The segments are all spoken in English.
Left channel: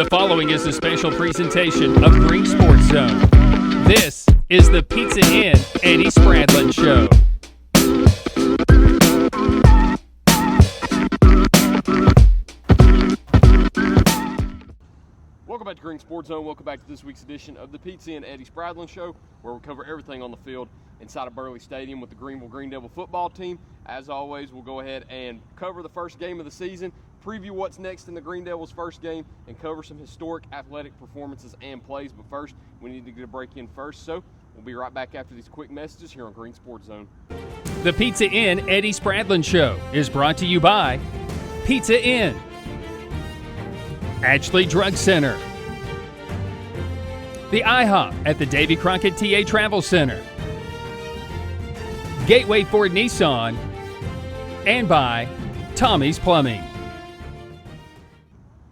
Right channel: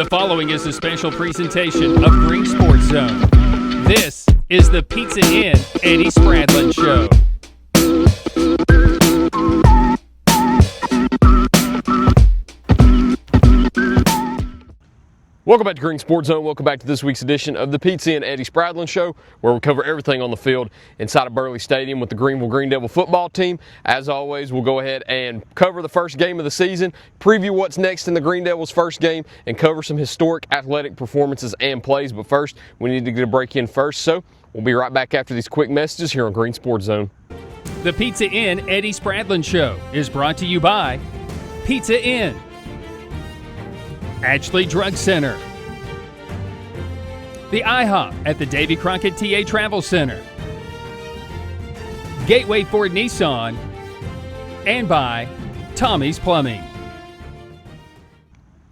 The following is a special presentation of Greene Sports Zone. This is the Pizza Inn Eddie Spradlen Show. Welcome back to Greene Sports Zone. Welcome back to this week's edition of the Pizza Inn Eddie Spradlen Show, where we cover everything on the field inside of Burley Stadium with the Greeneville Greene Devil football team. As always, we'll go ahead and cover the first game of the season, preview what's next in the Greene Devils' first game, and cover some historic athletic performances and plays. But first, we need to get a break in first, so we'll be right back after these quick messages here on Greene Sports Zone. The Pizza Inn Eddie Spradlen Show is brought to you by Pizza Inn, Ashley Drug Center, the IHOP at the Davy Crockett TA Travel Center, Gateway Ford Nissan, and by Tommy's Plumbing.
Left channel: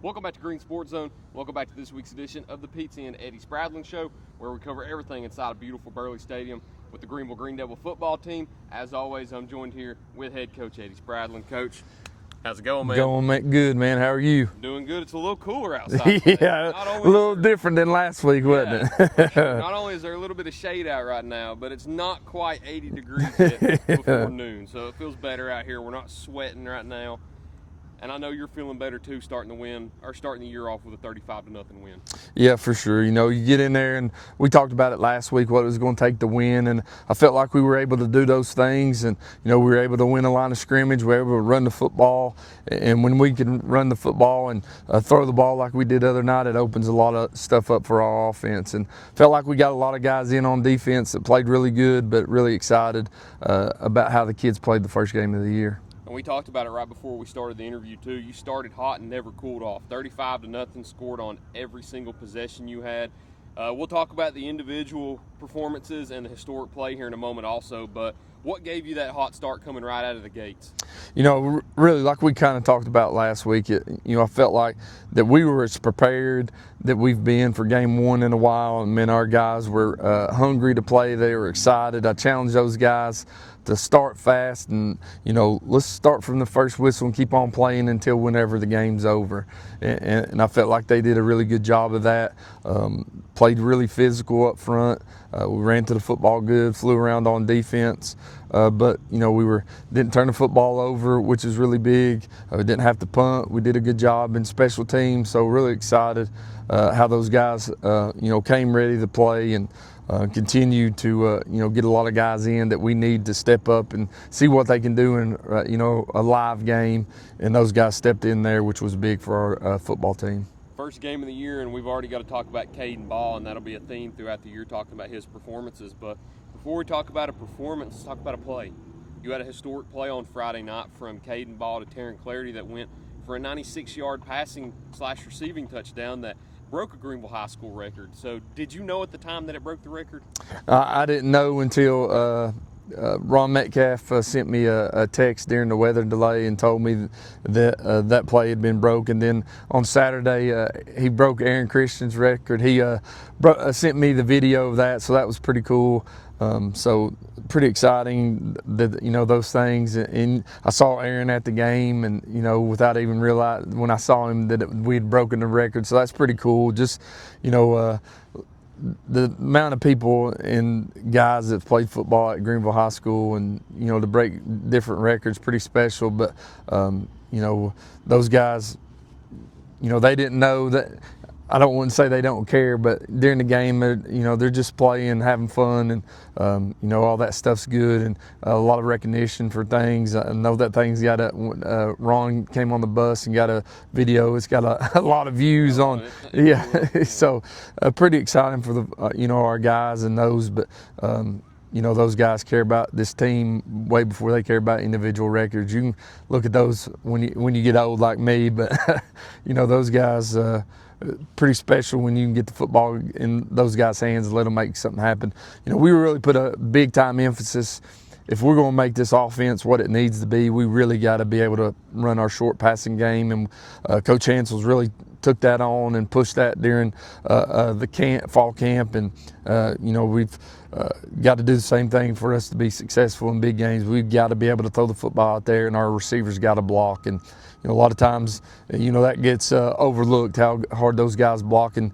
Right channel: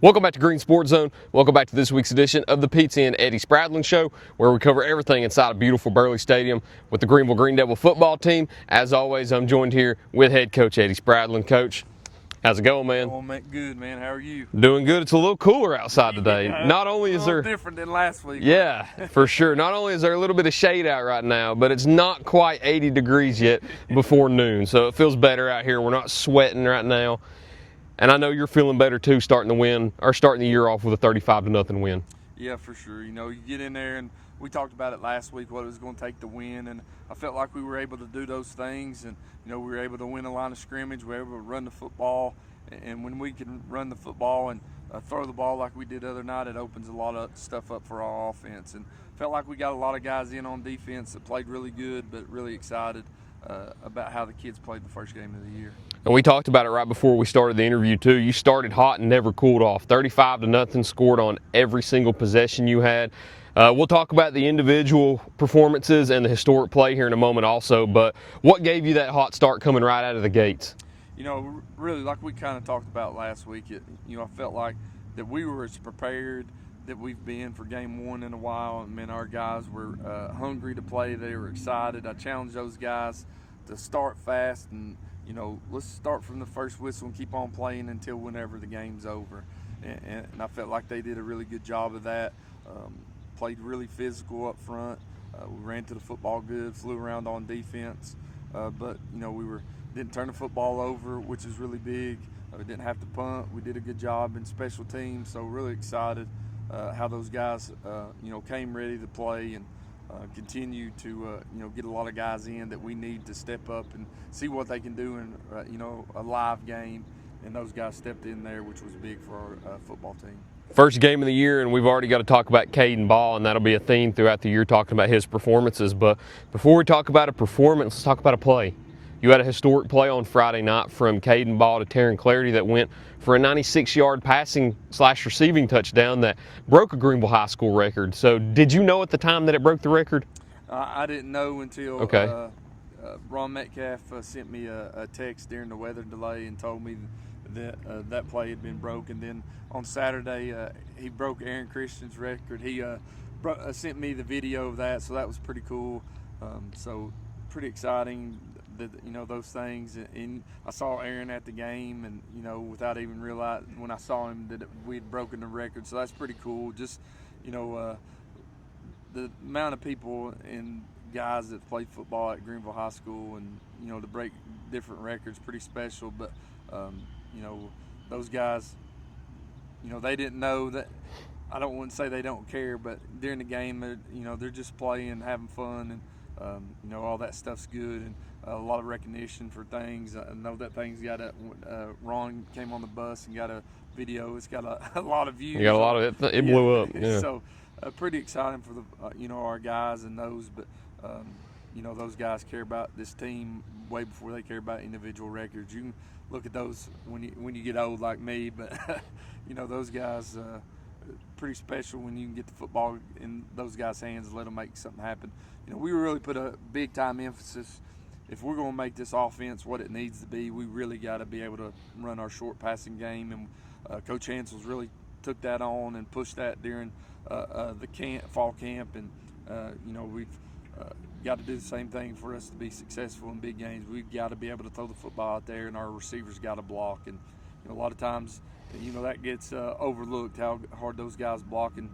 Welcome back to Greene Sports Zone. Welcome back to this week's edition of the Pizza Inn Eddie Spradlen Show, where we cover everything inside of beautiful Burley Stadium with the Greeneville Greene Devil football team. As always, I'm joined here with head coach Eddie Spradlen. Coach, how's it going, man? Going good, man. How are you? Doing good. It's a little cooler outside today. Yeah, Not only a is little there different than last week, wasn't it? for sure. Not only is there a little bit of shade out right now, but it's not quite 80 degrees yet before noon, so it feels better out here. We're not sweating right now. And I know you're feeling better too, starting the year off with a 35-0 win. Yeah, for sure. You know, you get in there, and we talked about it last week, what it was going to take to win, and I felt like we were able to do those things, and you know, we were able to win a line of scrimmage, we were able to run the football, and when we can run the football and throw the ball like we did the other night, it opens a lot of stuff up for our offense, and felt like we got a lot of guys in on defense that played really good, but really excited about how the kids played the first game of the year. And we talked about it right before we started the interview too. You started hot and never cooled off. 35-0, scored on every single possession you had. We'll talk about the individual performances and the historic play here in a moment also, but what gave you that hot start coming right out of the gates? You know, really, like we kind of talked about last week, I felt like that we were as prepared that we've been for game one in a while, and man, our guys were hungry to play. They were excited. I challenged those guys to start fast, and you know, let's start from the first whistle and keep on playing until whenever the game's over. And I felt like they did a really good job of that. Played really physical up front. We ran to the football good, flew around on defense. But you know, we didn't turn the football over, which is really big. We didn't have to punt. We did a good job in special teams. So really excited how those guys came ready to play and continue to get a lot of guys in that we need to step up and see what they can do in a live game. And those guys stepped in there, which was big for our football team. First game of the year, and we've already got to talk about Caden Ball, and that'll be a theme throughout the year, talking about his performances. But before we talk about a performance, let's talk about a play. You had a historic play on Friday night from Caden Ball to Taryn Clarity that went for a 96-yard passing/receiving touchdown that broke a Greeneville High School record. So did you know at the time that it broke the record? I didn't know until Ron Metcalf sent me a text during the weather delay and told me that that play had been broken. Then on Saturday, he broke Aaron Christian's record. He sent me the video of that, so that was pretty cool. So pretty exciting that, those things. And I saw Aaron at the game, and, without even realizing when I saw him that we had broken the record. So that's pretty cool. Just, the amount of people and guys that played football at Greeneville High School and, to break different records, pretty special. But, those guys, they didn't know that. I don't want to say they don't care, but during the game, they're just playing, having fun, and all that stuff's good, and a lot of recognition for things. I know that thing's got Ron came on the bus and got a video. It's got a lot of views on it. It blew up. Yeah. So pretty exciting for the our guys and those, but. Those guys care about this team way before they care about individual records. You can look at those when you get old like me, but those guys. Pretty special when you can get the football in those guys' hands and let them make something happen. We really put a big time emphasis. If we're going to make this offense what it needs to be, we really got to be able to run our short passing game. And Coach Hansel's really took that on and pushed that during the fall camp, and we've got to do the same thing for us to be successful in big games. We've got to be able to throw the football out there, and our receivers got to block. And a lot of times, that gets overlooked, how hard those guys block. And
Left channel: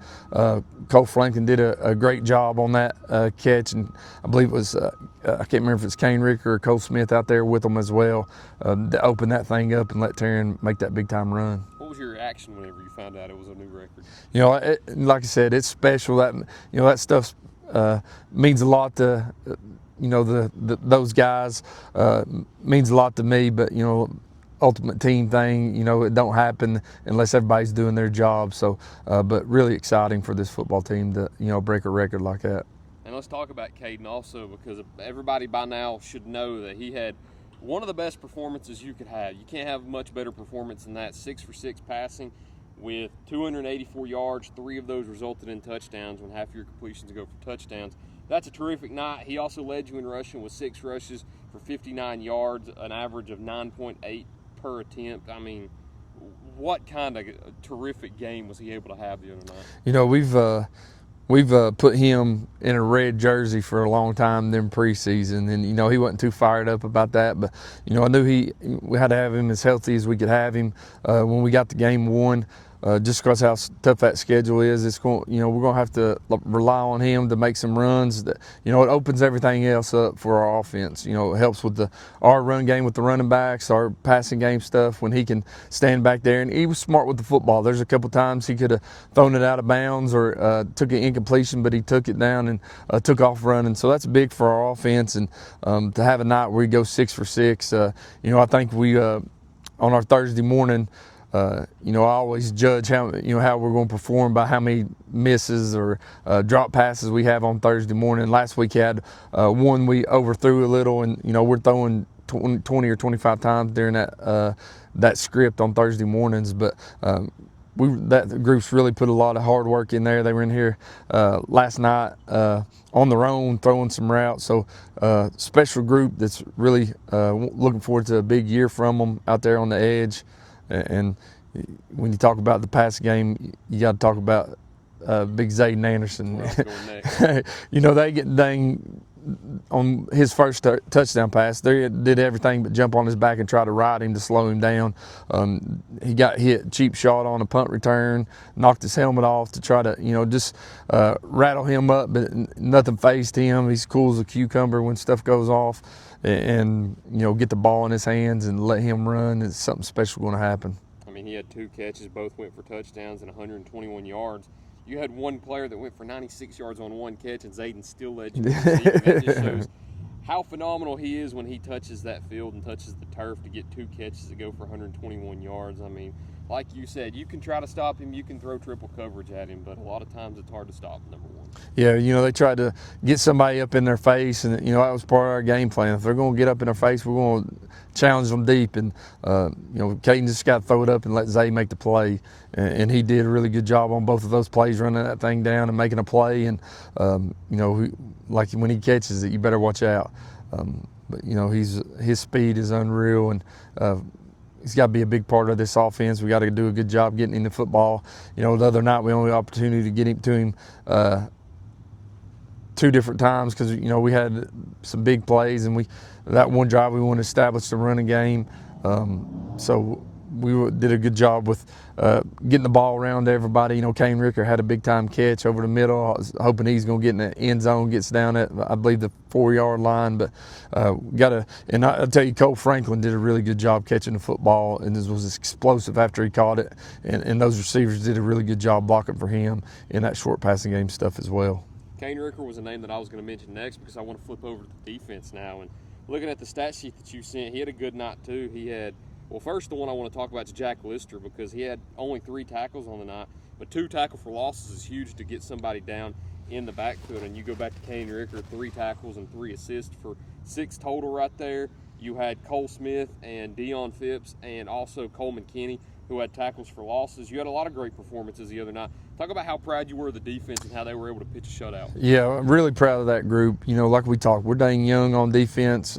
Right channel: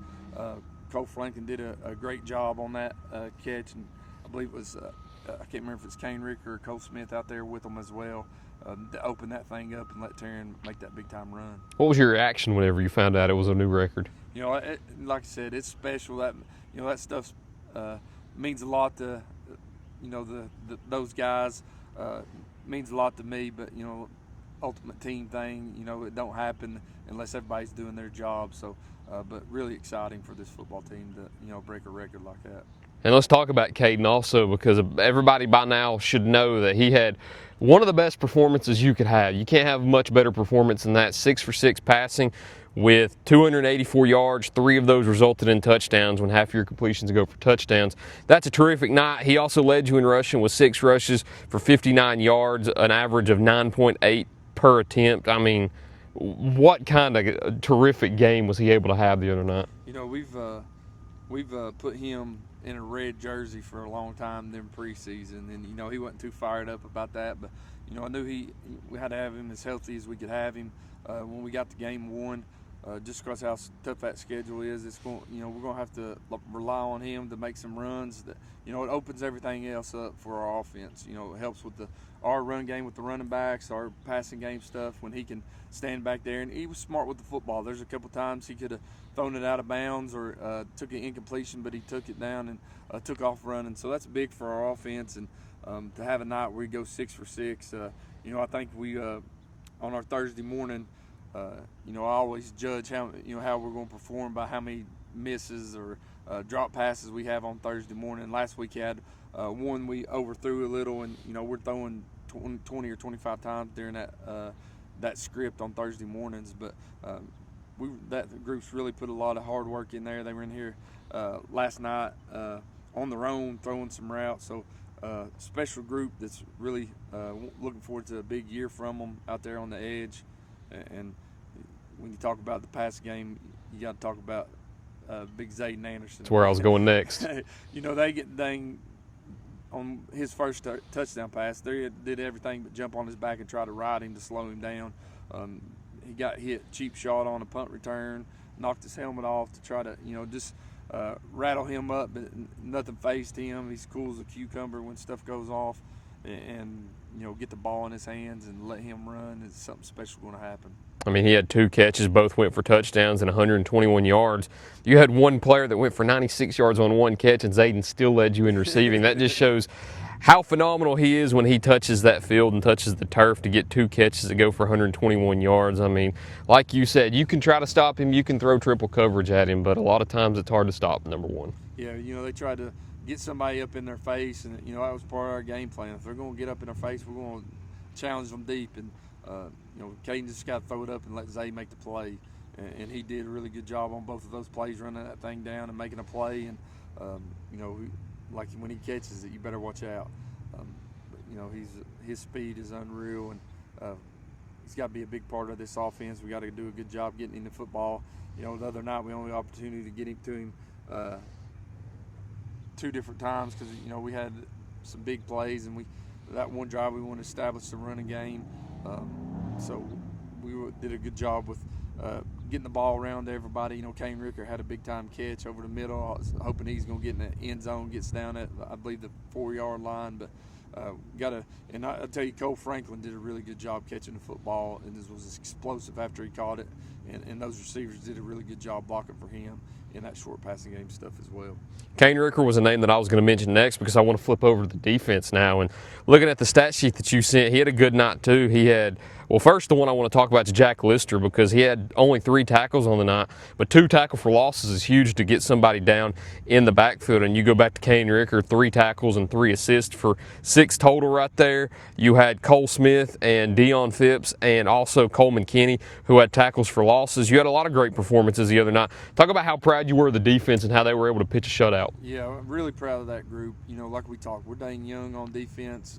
Cole Franklin did a great job on that catch, and I believe it was I can't remember if it's Kane Ricker or Cole Smith out there with them as well, to open that thing up and let Taryn make that big time run. What was your reaction whenever you found out it was a new record? Like I said, it's special. That stuff means a lot to those guys. Means a lot to me, but ultimate team thing, it don't happen unless everybody's doing their job. So, but really exciting for this football team to break a record like that. And let's talk about Caden also, because everybody by now should know that he had one of the best performances you could have. You can't have much better performance than that. 6 for 6 passing with 284 yards. 3 of those resulted in touchdowns when half your completions go for touchdowns. That's a terrific night. He also led you in rushing with 6 rushes for 59 yards, an average of 9.8 per attempt. I mean, what kind of terrific game was he able to have the other night? We've put him in a red jersey for a long time in preseason, and he wasn't too fired up about that. But I knew we had to have him as healthy as we could have him. When we got to game 1, just because how tough that schedule is, it's going. We're going to have to rely on him to make some runs. That it opens everything else up for our offense. It helps with our run game with the running backs, our passing game stuff when he can stand back there. And he was smart with the football. There's a couple times he could have thrown it out of bounds or took an incompletion, but he took it down and took off running. So that's big for our offense. And to have a night where he goes 6 for 6, I think we on our Thursday morning. I always judge how we're going to perform by how many misses or drop passes we have on Thursday morning. Last week had one we overthrew a little, and we're throwing 20 or 25 times during that script on Thursday mornings. But that group's really put a lot of hard work in there. They were in here last night on their own throwing some routes. So special group that's really looking forward to a big year from them out there on the edge. And when you talk about the pass game, you got to talk about Big Zayden Anderson. That's where I was going next. They get dang on his first touchdown pass. They did everything but jump on his back and try to ride him to slow him down. He got hit, cheap shot on a punt return, knocked his helmet off to try to, just rattle him up, but nothing fazed him. He's cool as a cucumber when stuff goes off. And get the ball in his hands and let him run. It's something special going to happen. I mean, he had 2 catches, both went for touchdowns and 121 yards. You had one player that went for 96 yards on 1 catch, and Zayden still led you in receiving. That just shows how phenomenal he is when he touches that field and touches the turf to get 2 catches that go for 121 yards. I mean, like you said, you can try to stop him, you can throw triple coverage at him, but a lot of times it's hard to stop, number one. Yeah, they tried to get somebody up in their face, and, that was part of our game plan. If they're going to get up in their face, we're going to challenge them deep. And, Caden just got to throw it up and let Zay make the play. And he did a really good job on both of those plays, running that thing down and making a play. And, like when he catches it, you better watch out. But his speed is unreal, and he's got to be a big part of this offense. We got to do a good job getting him the football. The other night we only had the opportunity to get him to him 2 different times because we had some big plays, and that one drive we wanted to establish the running game. So we did a good job with getting the ball around to everybody. Kane Ricker had a big-time catch over the middle. I was hoping he's going to get in the end zone, gets down at, I believe, the 4-yard line. But and I'll tell you, Cole Franklin did a really good job catching the football, and this was explosive after he caught it. And those receivers did a really good job blocking for him in that short passing game stuff as well. Kane Ricker was a name that I was going to mention next because I want to flip over to the defense now. And looking at the stat sheet that you sent, he had a good night too. He had, well, first the one I want to talk about is Jack Lister, because he had only 3 tackles on the night, but 2 tackle for losses is huge to get somebody down in the backfield. And you go back to Kane Ricker, 3 tackles and 3 assists for 6 total right there. You had Cole Smith and Dion Phipps and also Coleman Kenny, who had tackles for losses. You had a lot of great performances the other night. Talk about how proud you were of the defense and how they were able to pitch a shutout. Yeah, I'm really proud of that group. Like we talked, we're dang young on defense.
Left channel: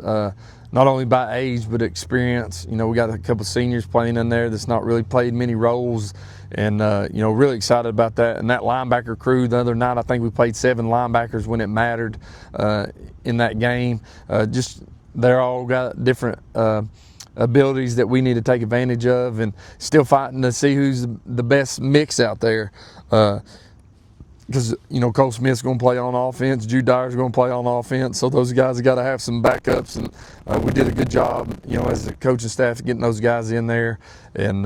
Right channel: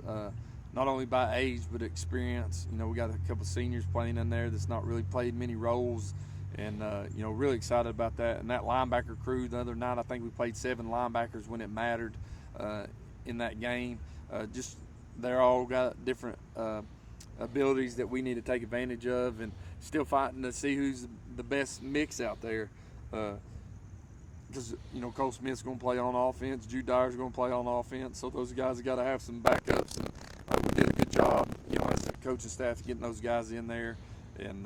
not only by age but experience. You know, we got a couple seniors playing in there that's not really played many roles, and you know, really excited about that. And that linebacker crew, the other night I think we played 7 linebackers when it mattered in that game. Just they're all got different abilities that we need to take advantage of, and still fighting to see who's the best mix out there. Because, you know, Cole Smith's going to play on offense, Jude Dyer's going to play on offense, so those guys have got to have some backups, and we did a good job, you know, as a coaching staff, getting those guys in there, and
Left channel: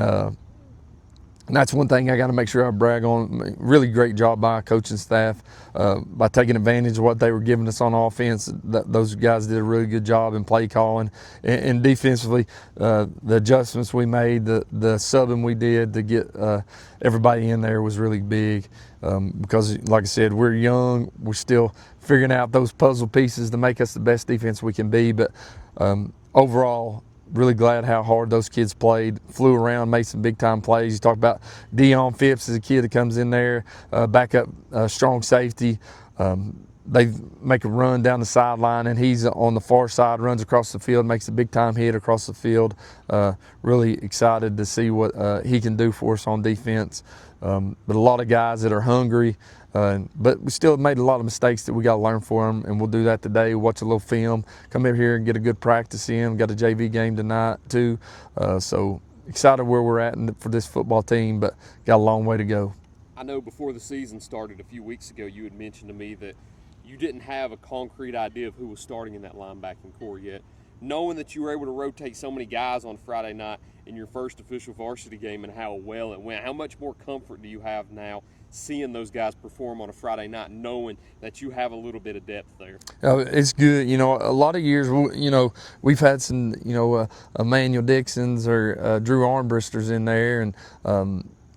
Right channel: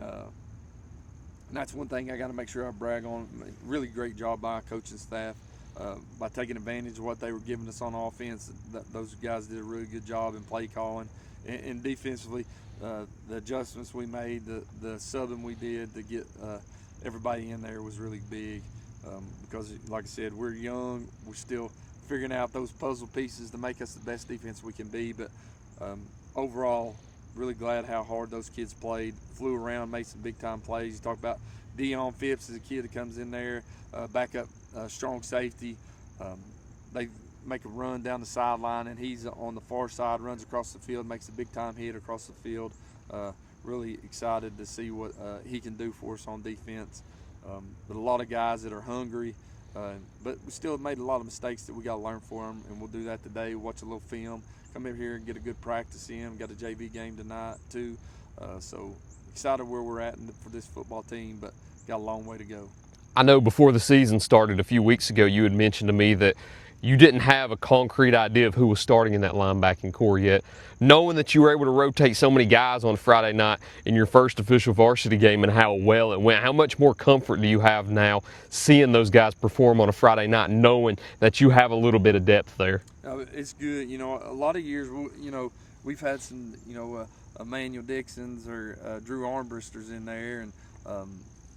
that's one thing I got to make sure I brag on. Really great job by our coaching staff by taking advantage of what they were giving us on offense. Those guys did a really good job in play calling, and defensively, the adjustments we made, the subbing we did to get everybody in there was really big. Because, like I said, we're young, we're still figuring out those puzzle pieces to make us the best defense we can be. But overall, really glad how hard those kids played, flew around, made some big-time plays. You talk about Dion Phipps as a kid that comes in there, backup strong safety. They make a run down the sideline, and he's on the far side, runs across the field, makes a big-time hit across the field. Really excited to see what he can do for us on defense. But a lot of guys that are hungry, but we still made a lot of mistakes that we got to learn from them, and we'll do that today. Watch a little film, come over here and get a good practice in. Got a JV game tonight too, so excited where we're at for this football team, but got a long way to go. I know before the season started a few weeks ago, you had mentioned to me that you didn't have a concrete idea of who was starting in that linebacking core yet. Knowing that you were able to rotate so many guys on Friday night in your first official varsity game and how well it went, how much more comfort do you have now seeing those guys perform on a Friday night, knowing that you have a little bit of depth there? It's good. You know, a lot of years, you know, we've had some, you know, Emmanuel Dixons or Drew Armbristers in there, and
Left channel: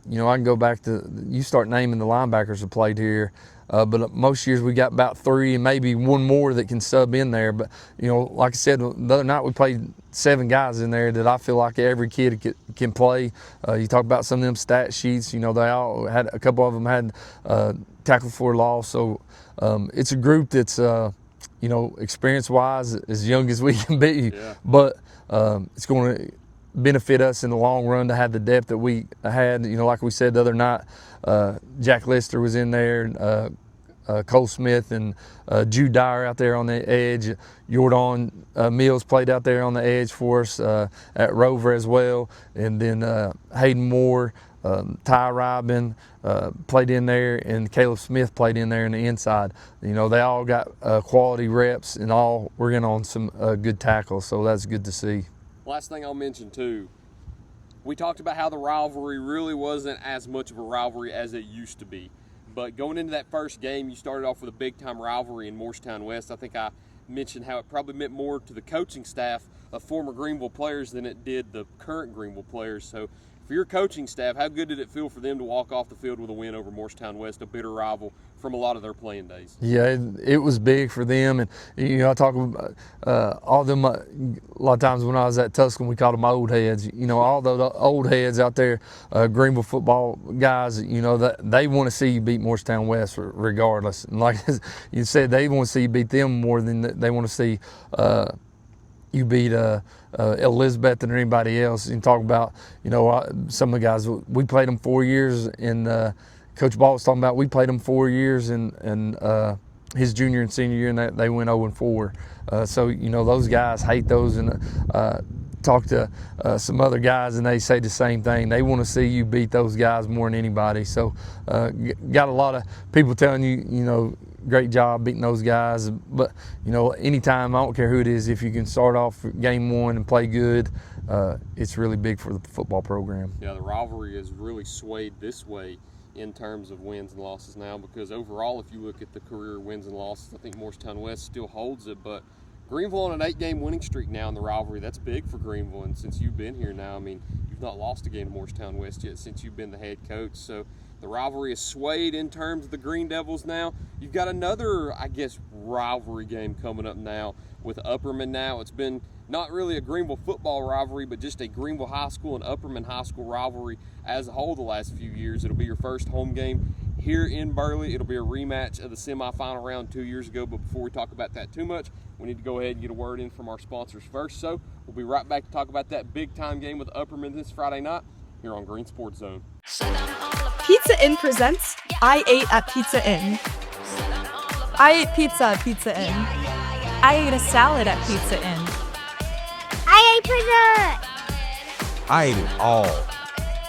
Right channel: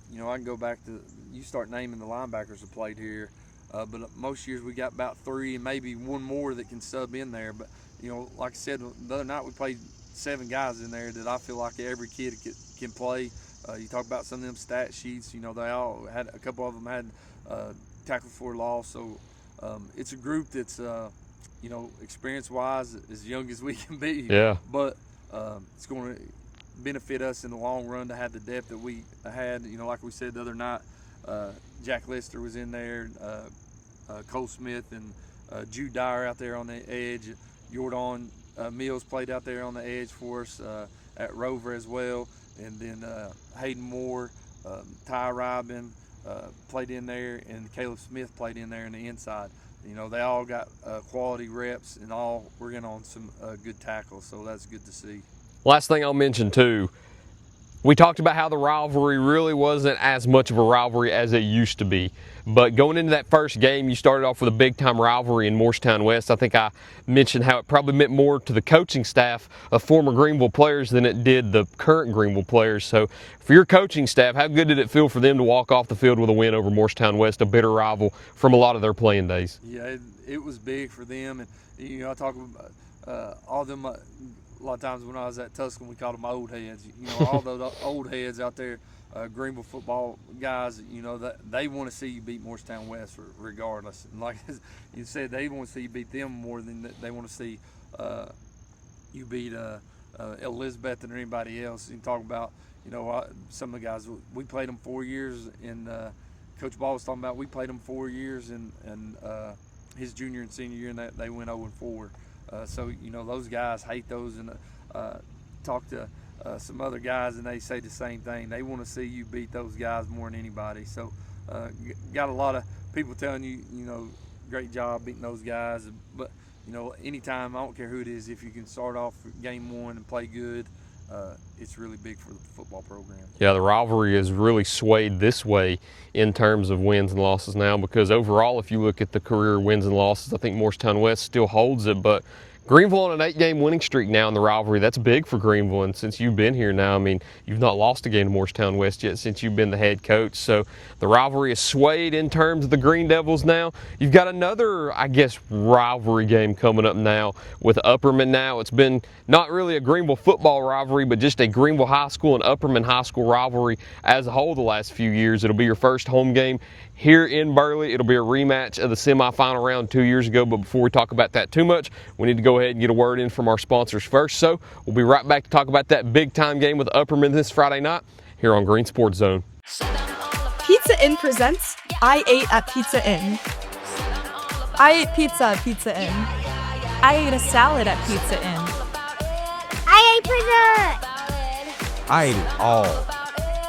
you know, I can go back to, you start naming the linebackers that played here. But most years we got about 3 and maybe one more that can sub in there. But, you know, like I said, the other night we played 7 guys in there that I feel like every kid can play. You talk about some of them stat sheets, you know, they all had, a couple of them had tackle for loss. So it's a group that's, you know, experience-wise as young as we can be. Yeah. But it's going to benefit us in the long run to have the depth that we had. You know, like we said the other night, Jack Lister was in there, Cole Smith and Jude Dyer out there on the edge. Jordan Mills played out there on the edge for us at Rover as well. And then Hayden Moore, Ty Rybin played in there, and Caleb Smith played in there in the inside. You know, they all got quality reps, and all we're in on some good tackles, so that's good to see. Last thing I'll mention too, we talked about how the rivalry really wasn't as much of a rivalry as it used to be. But going into that first game, you started off with a big-time rivalry in Morristown West. I think I mentioned how it probably meant more to the coaching staff of former Greeneville players than it did the current Greeneville players. So for your coaching staff, how good did it feel for them to walk off the field with a win over Morristown West, a bitter rival from a lot of their playing days? Yeah, it was big for them. And, you know, I talk about all them, a lot of times when I was at Tuscan, we called them old heads. You know, all the old heads out there, Greeneville football guys, you know, that they want to see you beat Morristown West regardless. And like you said, they want to see you beat them more than they want to see you beat Elizabeth or anybody else. And talk about, you know, some of the guys, we played them 4 years, and Coach Ball was talking about we played them 4 years and his junior and senior year, and they went 0-4. So, you know, those guys hate those, and talk to some other guys, and they say the same thing. They want to see you beat those guys more than anybody. So got a lot of people telling you, you know, great job beating those guys. But, you know, anytime, I don't care who it is, if you can start off game 1 and play good, it's really big for the football program. Yeah, the rivalry is really swayed this way in terms of wins and losses now, because overall, if you look at the career wins and losses, I think Morristown West still holds it, but Greeneville on an 8-game winning streak now in the rivalry. That's big for Greeneville, and since you've been here now, I mean, you've not lost a game to Morristown West yet since you've been the head coach. So the rivalry is swayed in terms of the Greene Devils now. You've got another, I guess, rivalry game coming up now with Upperman now. It's been not really a Greeneville football rivalry, but just a Greeneville High School and Upperman High School rivalry as a whole the last few years. It'll be your first home game here in Burley. It'll be a rematch of the semifinal round 2 years ago, but before we talk about that too much, we need to go ahead and get a word in from our sponsors first. So we'll be right back to talk about that big time game with Upperman this Friday night here on Green Sports Zone. Pizza Inn presents I Ate at Pizza Inn. I ate pizza at Pizza Inn. I ate a salad at Pizza Inn. I ate pizza! I ate it all.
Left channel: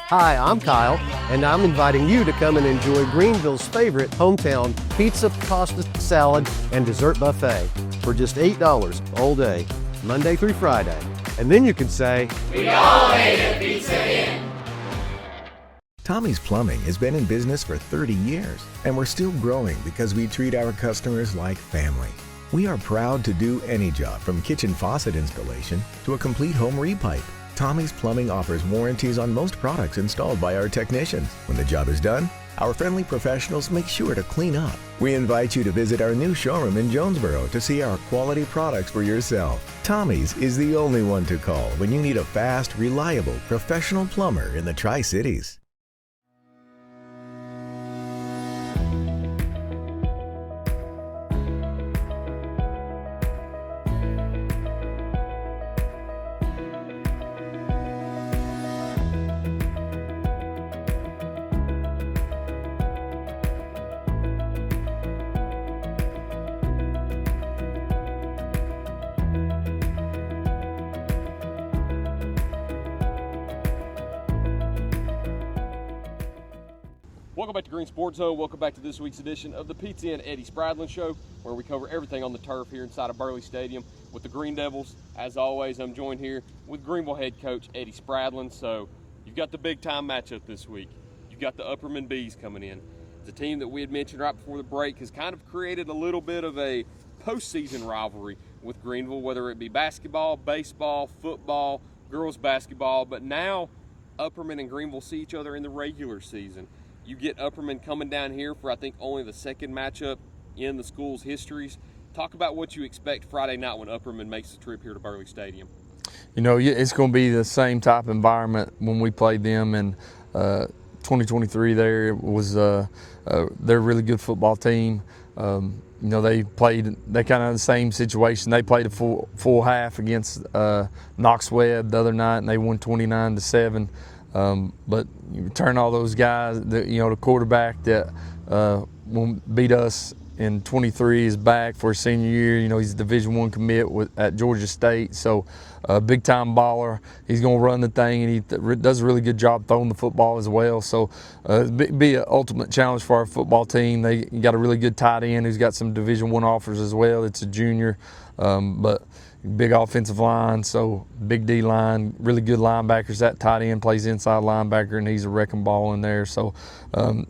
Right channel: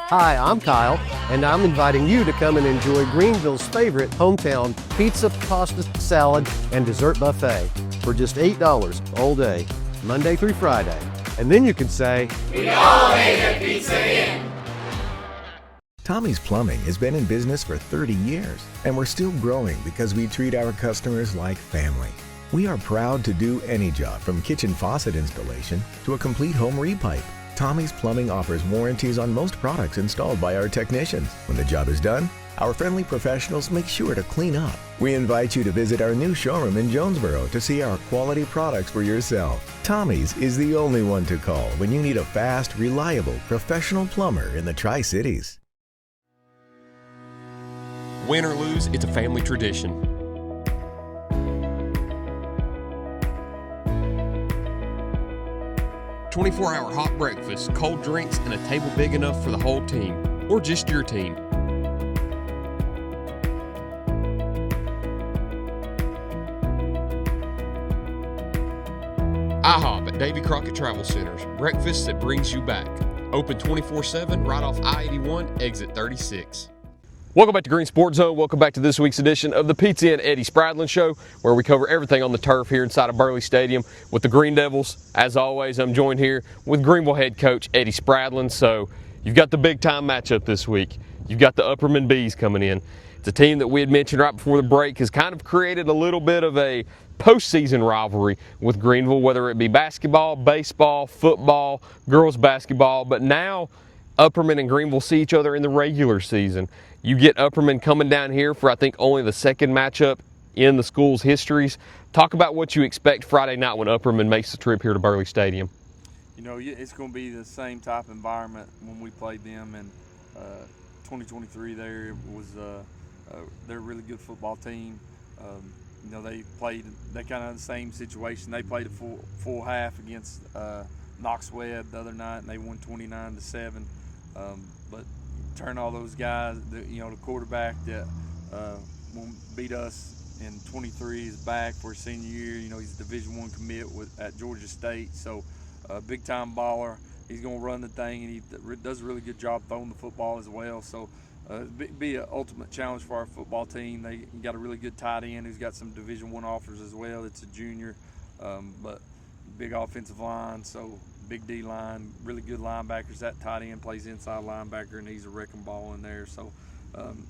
Hi, I'm Kyle, and I'm inviting you to come and enjoy Greeneville's favorite hometown pizza, pasta, salad, and dessert buffet for just $8 all day, Monday through Friday. And then you can say, "We all ate at Pizza Inn." Tommy's Plumbing has been in business for 30 years, and we're still growing because we treat our customers like family. We are proud to do any job from kitchen faucet installation to a complete home repipe. Tommy's Plumbing offers warranties on most products installed by our technicians. When the job is done, our friendly professionals make sure to clean up. We invite you to visit our new showroom in Jonesboro to see our quality products for yourself. Tommy's is the only one to call when you need a fast, reliable, professional plumber in the Tri-Cities. Win or lose, it's a family tradition. "24-hour hot breakfast, cold drinks, and a table big enough for the whole team, or just your team." IHOP at Davy Crockett Travel Centers. Breakfast that brings you back. Open 24/7 right off I-81, exit 36. Welcome back to Green Sports Zone. Welcome back to this week's edition of the Pizza and Eddie Spradlen Show, where we cover everything on the turf here inside of Burley Stadium with the Greene Devils. As always, I'm joined here with Greeneville head coach Eddie Spradlen. So you've got the big time matchup this week. You've got the Upperman Bees coming in. It's a team that we had mentioned right before the break has kind of created a little bit of a postseason rivalry with Greeneville, whether it be basketball, baseball, football, girls basketball. But now Upperman and Greeneville see each other in the regular season. You get Upperman coming down here for, I think, only the second matchup in the school's histories. Talk about what you expect Friday night when Upperman makes the trip here to Burley Stadium. You know, it's going to be the same type of environment when we played them in 2023 there. It was, they're a really good football team. You know, they kind of the same situation. They played a full half against Knox Webb the other night, and they won 29-7. But you turn all those guys, the quarterback that beat us in 23 is back for his senior year. You know, he's a Division I commit at Georgia State, so big time baller. He's going to run the thing, and he does a really good job throwing the football as well. So it'd be an ultimate challenge for our football team. They got a really good tight end who's got some Division I offers as well. It's a junior, but big offensive line, so big D line, really good linebackers. That tight end plays inside linebacker, and he's a wrecking ball in there. So you're going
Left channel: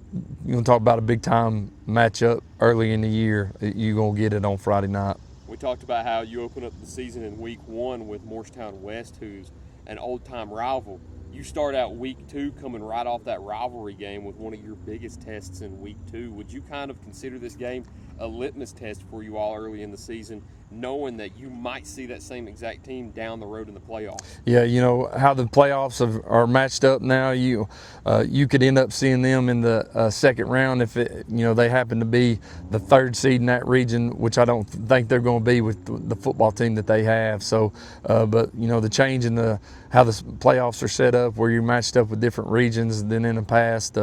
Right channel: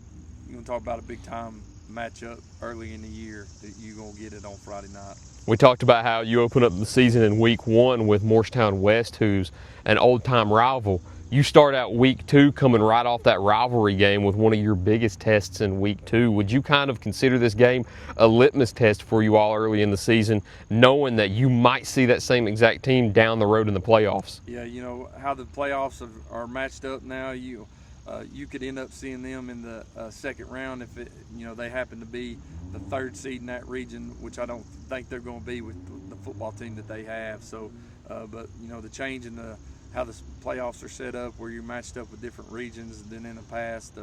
to talk about a big time matchup early in the year. You're going to get it on Friday night. We talked about how you open up the season in week 1 with Morristown West, who's an old-time rival. You start out week 2 coming right off that rivalry game with one of your biggest tests in week 2. Would you kind of consider this game a litmus test for you all early in the season, knowing that you might see that same exact team down the road in the playoffs? Yeah, you know, how the playoffs are matched up now, you could end up seeing them in the second round if they happen to be the 3rd seed in that region, which I don't think they're going to be with the football team that they have. So, but you know, the change in how the playoffs are set up, where you're matched up with different regions than in the past,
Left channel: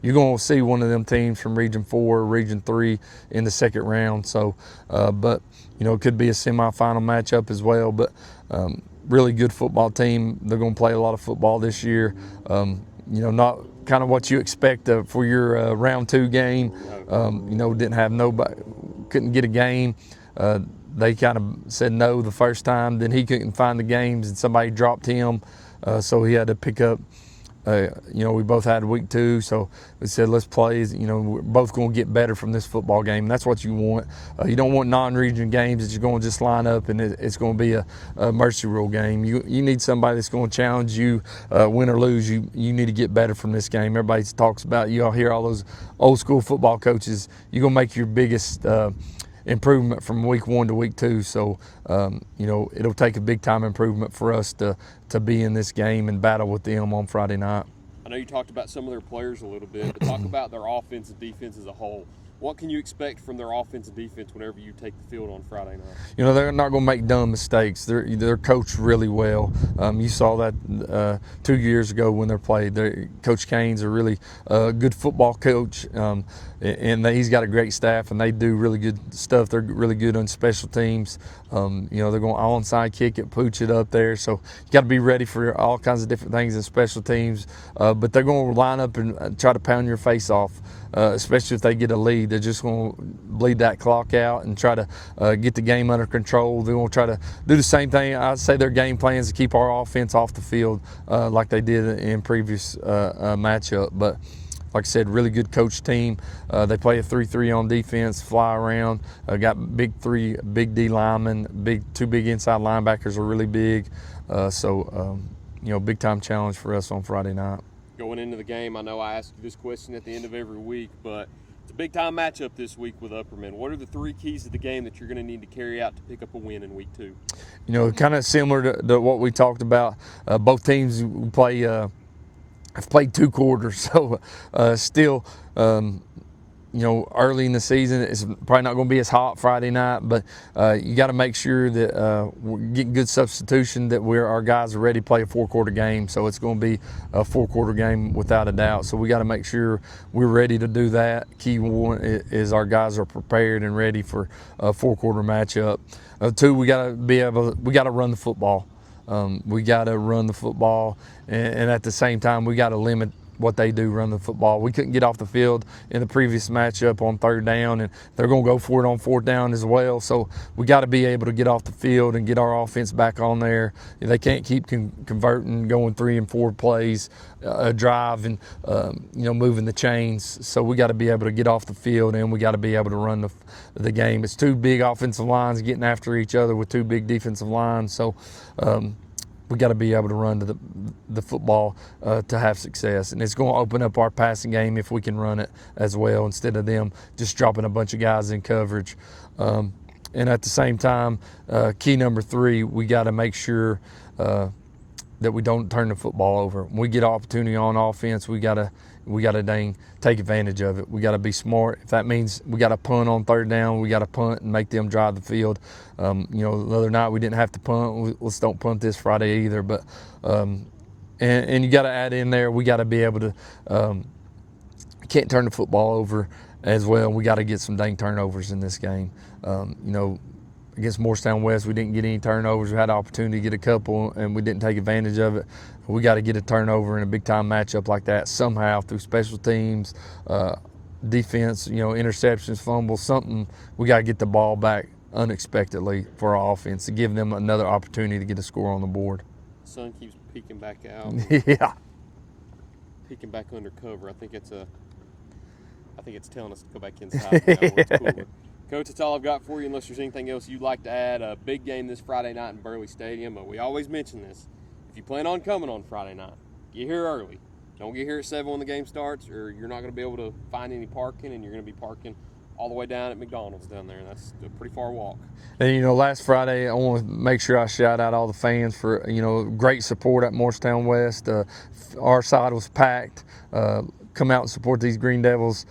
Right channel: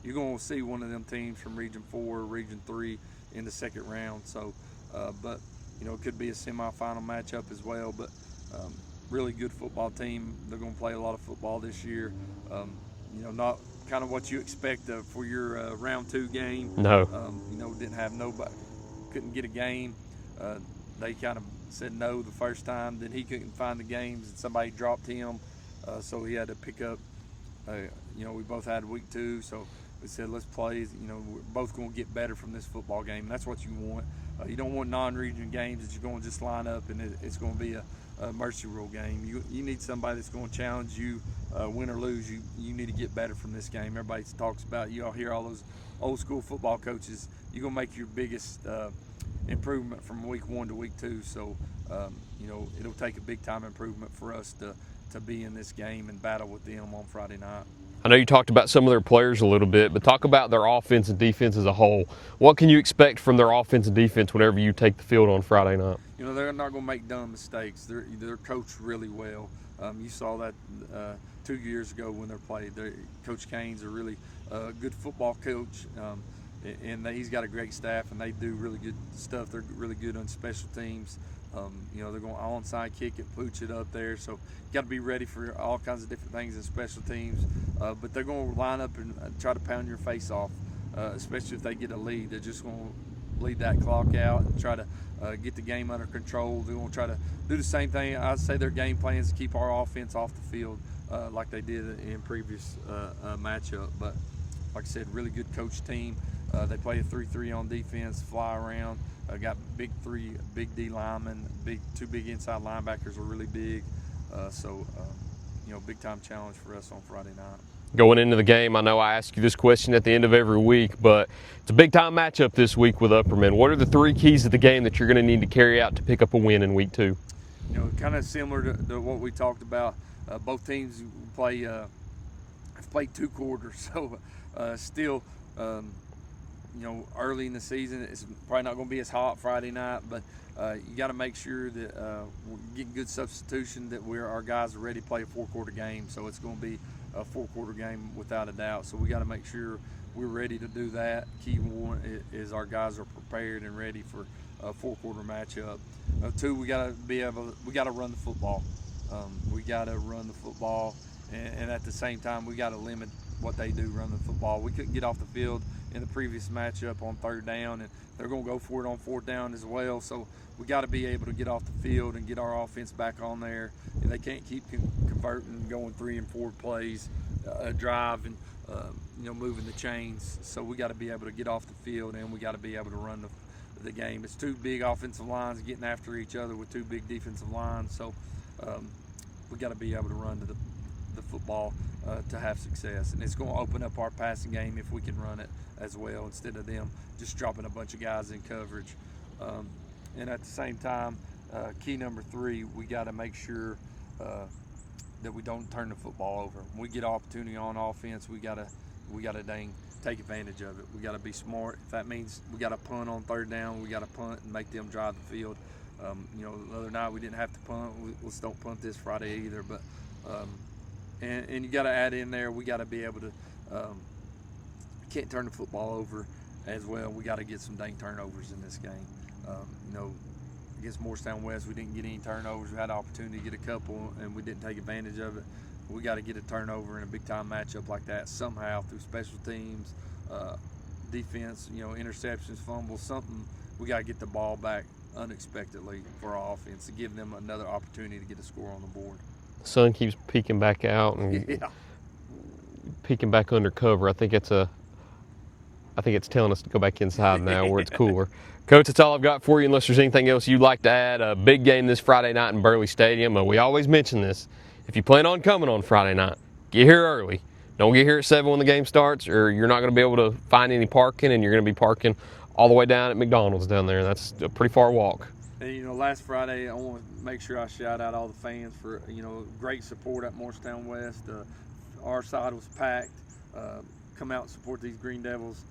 you're going to see one of them teams from Region 4 or Region 3 in the second round. So, but you know, it could be a semifinal matchup as well. But really good football team. They're going to play a lot of football this year. You know, not kind of what you expect for your round 2 game. No. You know, didn't have nobody, couldn't get a game. They kind of said no the first time. Then he couldn't find the games, and somebody dropped him, so he had to pick up. You know, we both had week 2, so we said let's play. You know, we're both going to get better from this football game. And that's what you want. You don't want non-region games that you're going to just line up and it's going to be a mercy rule game. You need somebody that's going to challenge you, win or lose. You need to get better from this game. Everybody talks about, you all hear all those old school football coaches. You're going to make your biggest improvement from week 1 to week 2. So, you know, it'll take a big time improvement for us to be in this game and battle with them on Friday night. I know you talked about some of their players a little bit, but talk about their offense and defense as a whole. What can you expect from their offense and defense whenever you take the field on Friday night? You know, they're not going to make dumb mistakes. They're coached really well. You saw that 2 years ago when they played. Coach Kane's a really good football coach, and he's got a great staff, and they do really good stuff. They're really good on special teams. You know, they're going onside kick it, pooch it up there. So you got to be ready for all kinds of different things in special teams. But they're going to line up and try to pound your face off. Especially if they get a lead. They're just going to bleed that clock out and try to get the game under control. They're going to try to do the same thing. I'd say their game plan is to keep our offense off the field like they did in previous matchup. But like I said, really good coach team. They play a 3-3 on defense, fly around. Got big D linemen, two big inside linebackers are really big. You know, big time challenge for us on Friday night. Going into the game, I know I ask you this question at the end of every week, but it's a big-time matchup this week with Upperman. What are the 3 keys of the game that you're going to need to carry out to pick up a win in week 2? You know, kind of similar to what we talked about. Both teams have played 2 quarters, so still, you know, early in the season, it's probably not going to be as hot Friday night, but you got to make sure that we're getting good substitution, that our guys are ready to play a 4-quarter game. So it's going to be a 4-quarter game without a doubt. So we got to make sure we're ready to do that. Key one is our guys are prepared and ready for a 4-quarter matchup. 2, we got to run the football. We got to run the football, and at the same time, we got to limit what they do, run the football. We couldn't get off the field in the previous matchup on 3rd down, and they're going to go for it on 4th down as well. So we got to be able to get off the field and get our offense back on there. They can't keep converting, going 3 and 4 plays, drive, and you know, moving the chains. So we got to be able to get off the field, and we got to be able to run the game. It's 2 big offensive lines getting after each other with 2 big defensive lines. So we got to be able to run to the football to have success, and it's going to open up our passing game if we can run it as well instead of them just dropping a bunch of guys in coverage. And at the same time, key number 3, we got to make sure that we don't turn the football over. When we get opportunity on offense, we got to dang take advantage of it. We got to be smart. If that means we got to punt on 3rd down, we got to punt and make them drive the field. You know, the other night we didn't have to punt. Let's don't punt this Friday either. But and you got to add in there, we got to be able to can't turn the football over as well. We got to get some dang turnovers in this game. You know, against Morristown West, we didn't get any turnovers. We had an opportunity to get a couple, and we didn't take advantage of it. We got to get a turnover in a big-time matchup like that somehow through special teams, defense, you know, interceptions, fumbles, something. We got to get the ball back unexpectedly for our offense to give them another opportunity to get a score on the board. The sun keeps peeking back out. Yeah. Peeking back under cover. I think it's telling us to go back inside now where it's cooler. Coach, that's all I've got for you unless there's anything else you'd like to add. A big game this Friday night in Burley Stadium. We always mention this. If you plan on coming on Friday night, get here early. Don't get here at 7 when the game starts, or you're not going to be able to find any parking, and you're going to be parking all the way down at McDonald's down there. That's a pretty far walk. And, you know, last Friday, I want to make sure I shout out all the fans for, you know, great support at Morristown West. Our side was packed. Come out and support these Greene Devils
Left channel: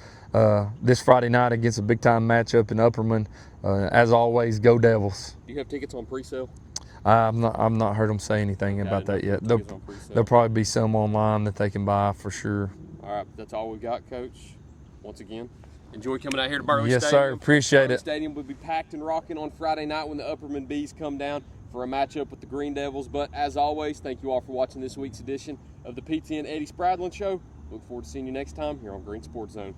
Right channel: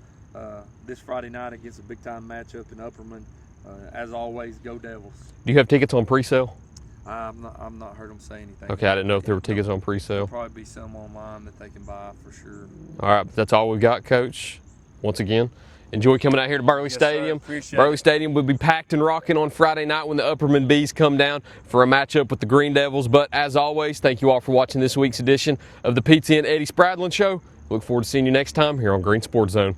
this Friday night against a big-time matchup in Upperman. As always, go Devils. Do you have tickets on pre-sale? I've not heard them say anything. Okay, I didn't know if there were tickets on pre-sale. There'll probably be some online that they can buy for sure. All right, that's all we've got, Coach. Once again, enjoy coming out here to Burley Stadium. Sir, appreciate it. Burley Stadium will be packed and rocking on Friday night when the Upperman Bees come down for a matchup with the Greene Devils. But as always, thank you all for watching this week's edition of the Pizza and Eddie Spradlen Show. Look forward to seeing you next time here on Green Sports Zone.